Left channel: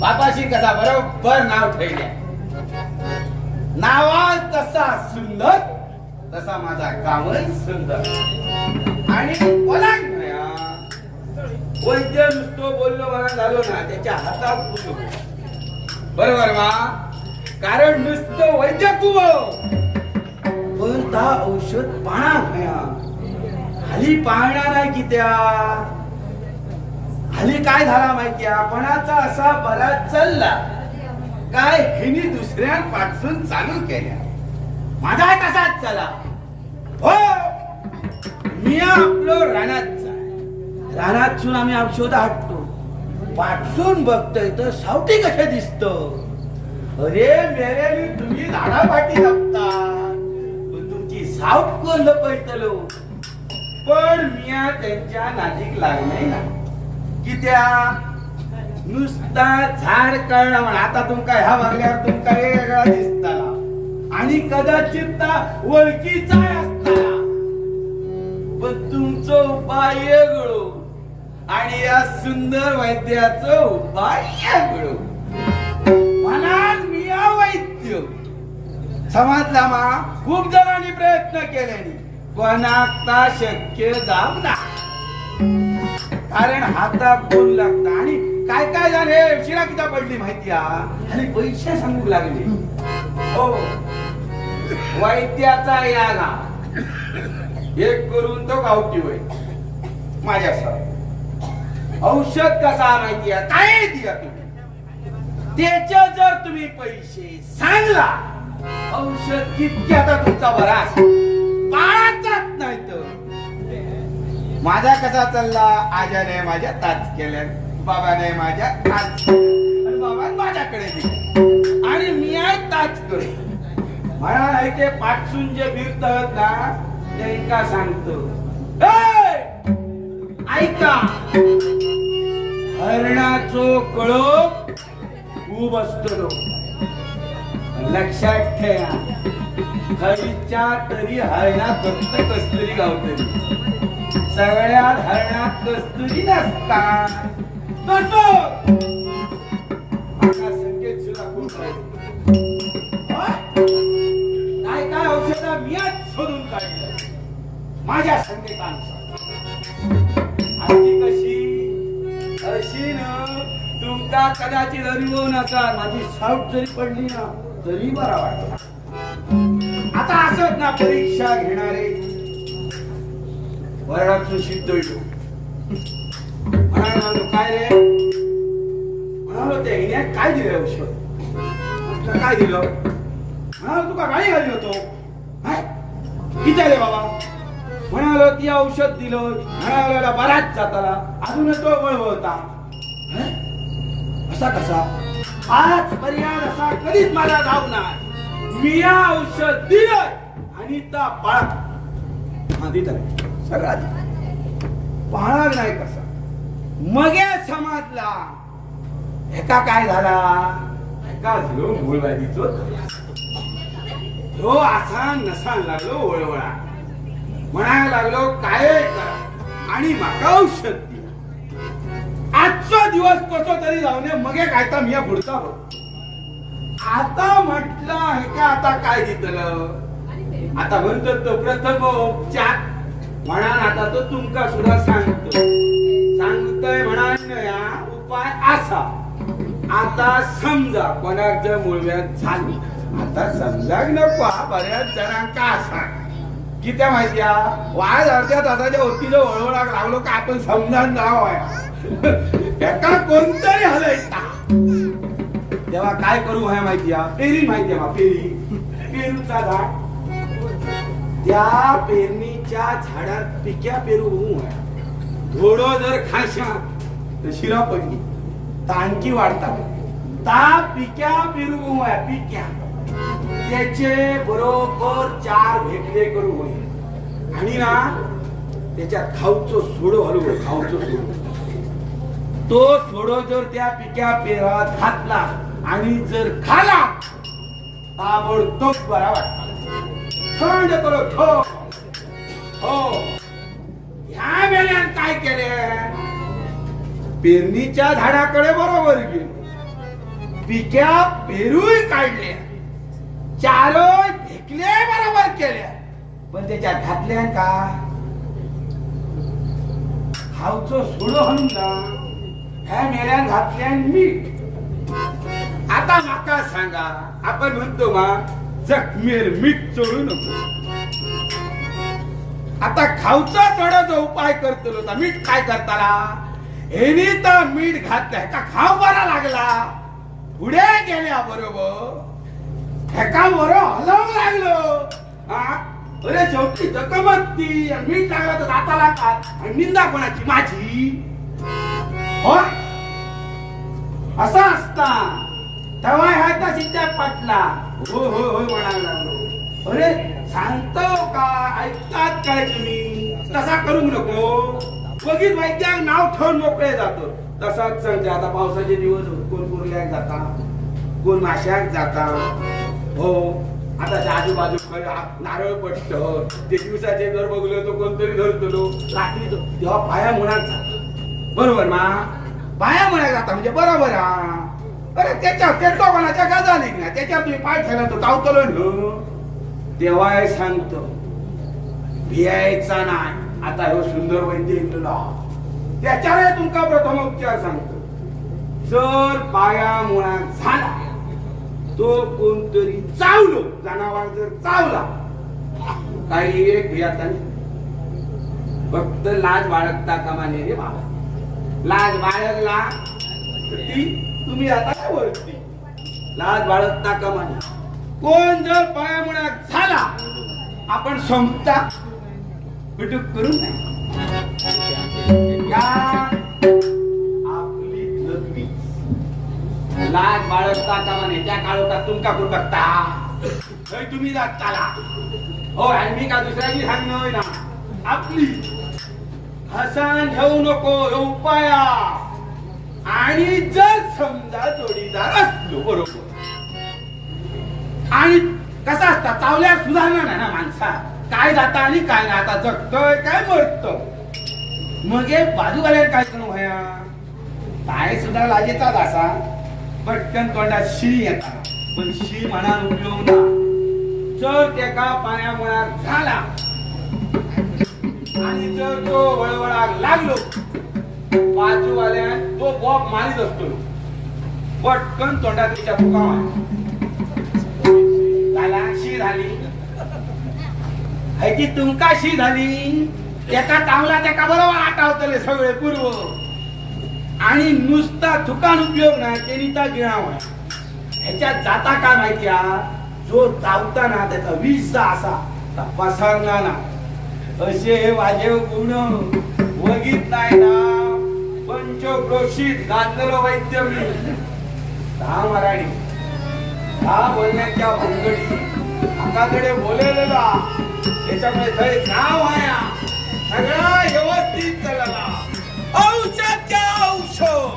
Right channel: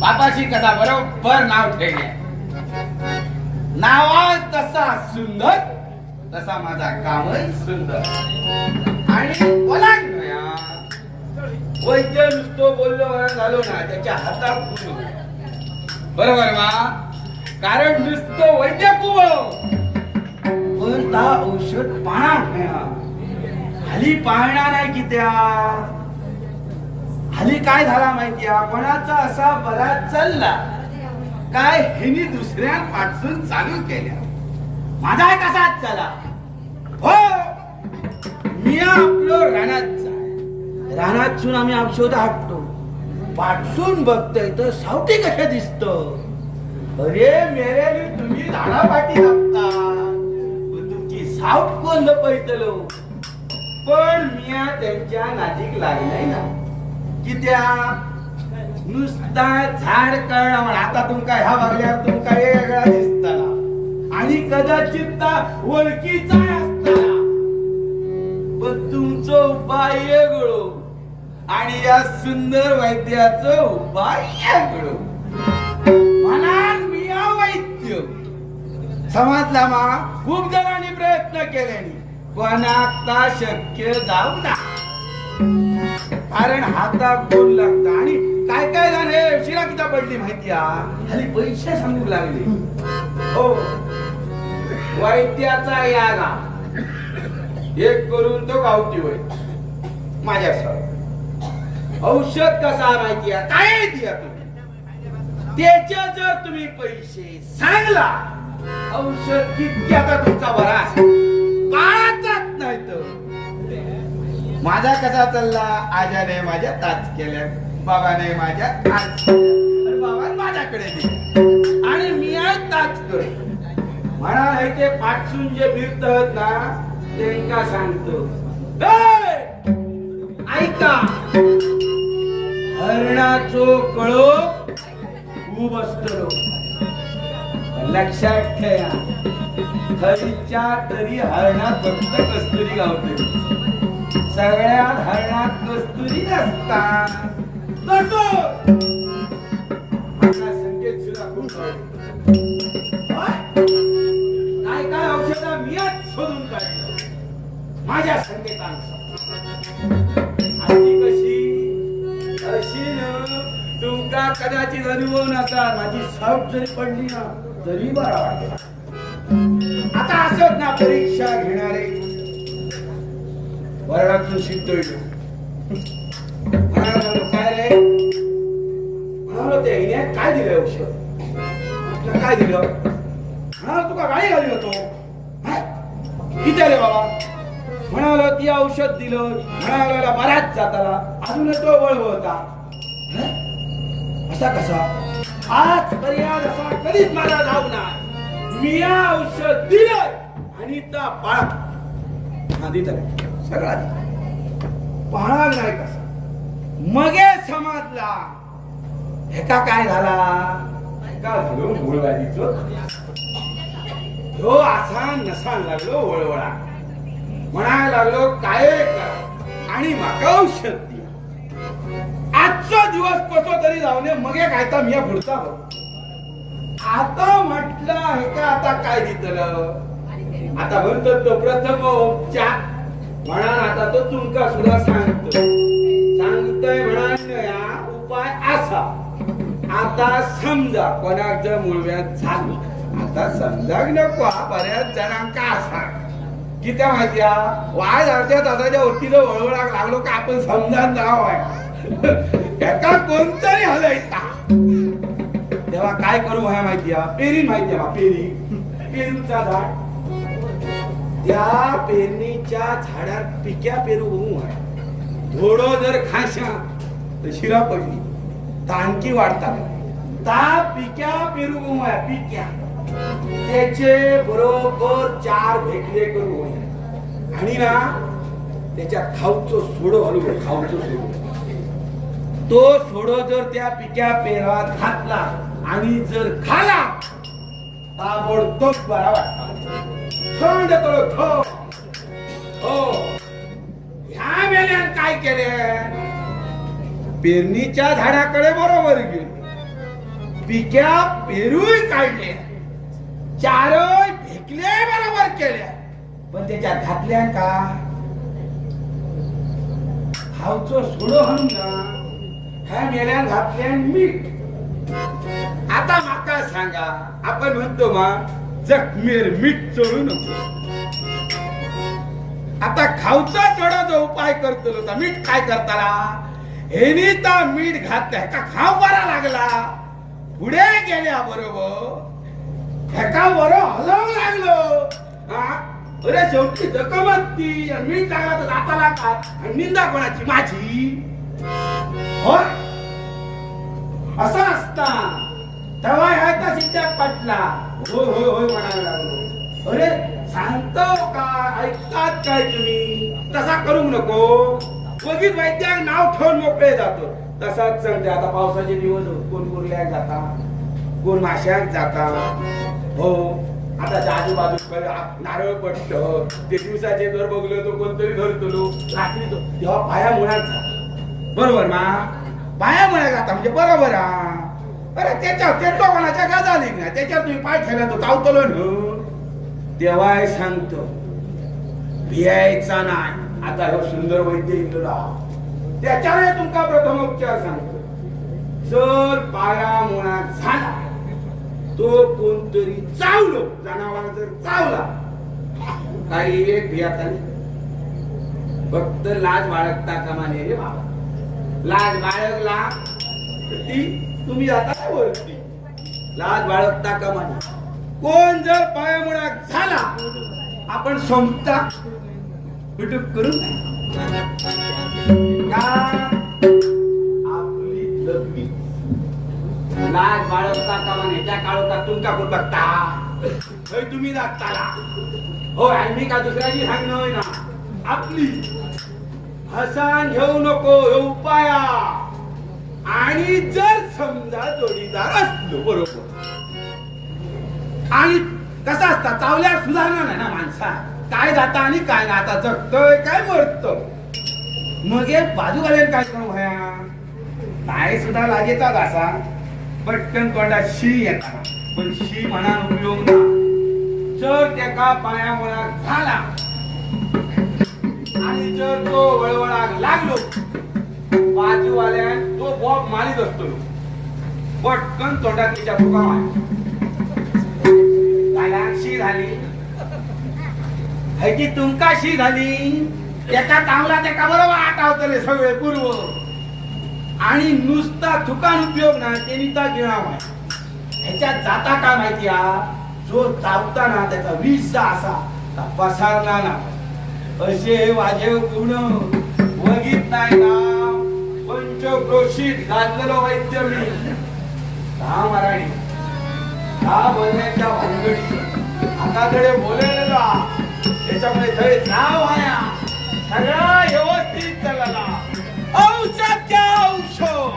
बापाशी कथा बरोबर नाव ठेवले. नावा तसा सुंदर तसा माझा कामही सुंदर. आणि ओलांडया वैद्य नुसतो बोललो मला झालो ना त्याच्या हातात फुटू बरोबर वा कारण नुसतं वैद्य कुवळो. पण ता औषध पाहणार नाही पाहणार आहे की त्या? हल्ली काय झाला माहिती आपणाचा असा बराच चालला. काय हिनी दुसऱ्यांपासून चालू केल्या. माझा तसाच चला. हो! मी आपलो रानात जाय रानातून आम्ही औषध हाटतो पाठसून बघतोय तर सावटी कशा दिसत. अरे मेरे तुम्ही झाडापाठी जगता तुमची सावट कोण लपयतलो पण मिया त्यांच्या नाजीक लागलाय ना. कित्या नुसता झाड कळणं म्हण. आता तुमका ह्या वागल्यावर तुमका वेगळा दिसताला. आणि कदाचित ता ओळखीचा असताना पण तुमचं उपाय वेगळो. आणि या सुंदर वैद्याचो उपाय वेगळो. म्हणाल मी वैद्य समजला मा खूप जणांनी प्रयत्न केल्यानी. कोणाक ता शक्य जाऊ ना. कारण हातात कोण लागता. आणि काय काय झाले शिरा किता पडली माहिती आणि पैसे सांगू लागले. हो. वैद्याचा यागा एक करून तो गावठी होय. माझ्या सर औषध कसा माहिती काय दिया तुम्ही. त्याच्या जर तुम्ही पैसे सांगला औषध किती आता तुमचा बरा असेल? बाळाचाच नाही तर. माझा कसा चालला? आजाने माझ्या ताच केल्या बाबाने माझ्या ताच बाबाने माझ्याकडे दिल्या आणि मी आहे ताच करे म्हणा आहे ते पाठसून जे फिरत ना त्यांना सांगतो. ऐका. हरणाचो कळो खूप असतो. लक्षात ठेवा. खरीच्या तरी हरणात फक्त कस्तुरी गावते सगळ्यात हरणात कस्तुरी नसतात. कसो आता संकेत सुद्धा खूप आहे. होय? काय काय औषधा मियाच शोधून काढलं. माझ्या संकेतानुसार आणि कशी? अशी ना तुमचा कदाचित अनुभव नसा माझी साऊट जरी पडली ना तरी बरा वाटतो. आता असत ना परीक्षा घेणारे. वर्गातून शिकतो म्हणालो काय रे? म्हणालो ते हिने काय दिलं औषध? तुला काय दिलं? म्हणालो तुका गाळी घाली होतो. हाय? किती रे बाबा? म्हणालो ती औषध दिलं. म्हणाला बराच जाताला अजूनच तो वळवळता. असा कसा? आज पर्याय असा कधीच मला धावणार मी औषध दिलं आणि त्या पाळा आधी तर सगळा पाळाग नाही कसा. मगे समाजला. एका काय झाला? एका झालो. मूळवादीचो ह्यो असा नसा लागलो वळवळा. म्हणायला लागलो काय करा आणि माका औषध दिवस कसो तरी जाऊ नये मगे काय मी पुढचा भाऊ आता म्हटलं हे का आता काय दितलं आता म्हणतो तो प्रथम उपचार. म्हणा आता तो तुमका सुद्धा सांगतो. सांगतोय म्हणा उपाय असा. आता समजा कोणाक जर मुळव्यात झाली. आता समजाक नको बऱ्याच जणांका असा. कित्या माहितीया वाय अर्ध्या दादाच्या वरतीला वळवळाक लागलो का आपण समजा नाव एका कोणतरी हलयता. तेव्हा काय करू ह्या माहितीया पेरी माहिती बा पेरी. पेरूचा झाड. त्या पेरणीच्या झाडात पिक्या पेरू होऊ आहे घोडो जर खाशा तर शिरा पडली. तांकी वाढतात. ता पिक्या पेरू होऊ आहे पिक्या. त्याचे बरोबर चार भेटले करू होईल. आणि ना त्याच्या खाऊचो सोडो हलू खाऊचो सोडो. तो सोडो जर त्या पिक्या पेरात घातला आणि जर खाला ताबडतोब बरा वाटला. थंड हो. ह्या मेल्यान काय केले? पेरणीच्या झाडाकडे बरोबर गेलो. पिक्या पेरूय काढल्या. चारय फेकले बरोबर केल्या. पण त्याच्यात घातल्या का? खावचो सोडो हनुमान ह्या मेल्यान घातल्यान मीठ. आता माका सांगा आपण म्हणतो मा जखमेर मीठ चोळू नको. आता खावचा जो उपाय करतलो तर मीठ काय करताला? हेनी तर मीठ घातलं हेका खाव बरा लागला? पुढे गेल्या बरोबर हेका बरो हलवू लागलो. अरे शेवटी जखमत ती मीठ लागला तर दाताला का आणि निंदा कोणाची? माझी? असा असता. तेव्हा ह्या का शिक्षक पटला. हो हो हो म्हणायला लागलो. अरे सांगतो का? ऐकतात काय तुम्ही? तसा करू नको. बघित वैद्याक नाव ठेवून मोकळे जातो. तसाच सांगते आता पावसाचे दिवस कोण कुर्ल्याक जाता? कोण माश्याक जाता? हो. आता आजूबाजू नारळ पडत ते दिवसाचे जर बघलो तो कोणतरी धरतलो. रात्री तो तेव्हा पाया मुळात जातो. बरोबर मा? बाया मुळात जाता म्हणजे बरोबर हा. अरे त्याच्यावर ते तो कोणाच्या गाजाली ना त्याच्यावर तुम्ही पाय ठेवला तो चावतलो देवाय सांगतो भियायचा नाही. आता ह्यो सुंदर वैद्य इंदुला त्याच्यावर तुमका प्रथम उपचार सांगतो. जर पाया मुळात झाला तो कोणतरी चावलो जनावर जर चावला काही एक भियाता फक्त लाज बाळगता कामा नये रे बाबा. लाज बाळगला ती तुम्ही आता काय ओळखली? लाज बाळगता का नये कोण जर पायामुळे झाला आपण संपता बिटूक करू नये. आपली लघवी लाज बाळगता का म्हणे? त्या काळोखात तुमका कोण बघता तुम्ही जाताला हो आणि मी का दुसऱ्याची सांगणं ना आपली हसान घेऊ नको उपाया. आणि जर समजा जोडीदार असलो बरोबर. आणि कसा असता चावल्या सुधारणार नाही ना माणसा काय जाता आणि काय ना आता जगतोय काय मरत? मग हे बाजूवाल्यान काय करू ह्या काय सुद्धा लाजेचाच असा पटकन तोंडात शी येता पण शी म्हणा उपयोग ना जर त्याका पाया मुळात झाला. आणि जर तो वळवळाक लागलो. बाजूवाल्यान तो बॉब मारीत असतो. पटकन तोंडात तिच्या फुकाव झाला शी झाली. ह्याची तुमका शी झाली. त्याचा चांगला तेका बरोबर आटावतले सगळे पूर्व. आणि नुसता थुकान उपयोग ना ते ता गिळाव आहे ह्याच्यात जाता काय माहिती हा जो चावताना त्याचा विष असा पसारना ना. असे वाजे गुण वगीत नाही ना. पंचक्रोशीत गाजलेलं वैद्य मी. दहा मराठी दहा बोलण्याच्या भानगडी. हाताकडे बोलेलं त्याच्यामुळे थय नाव आया सगळा व्यवस्थित चालला औषध. औषध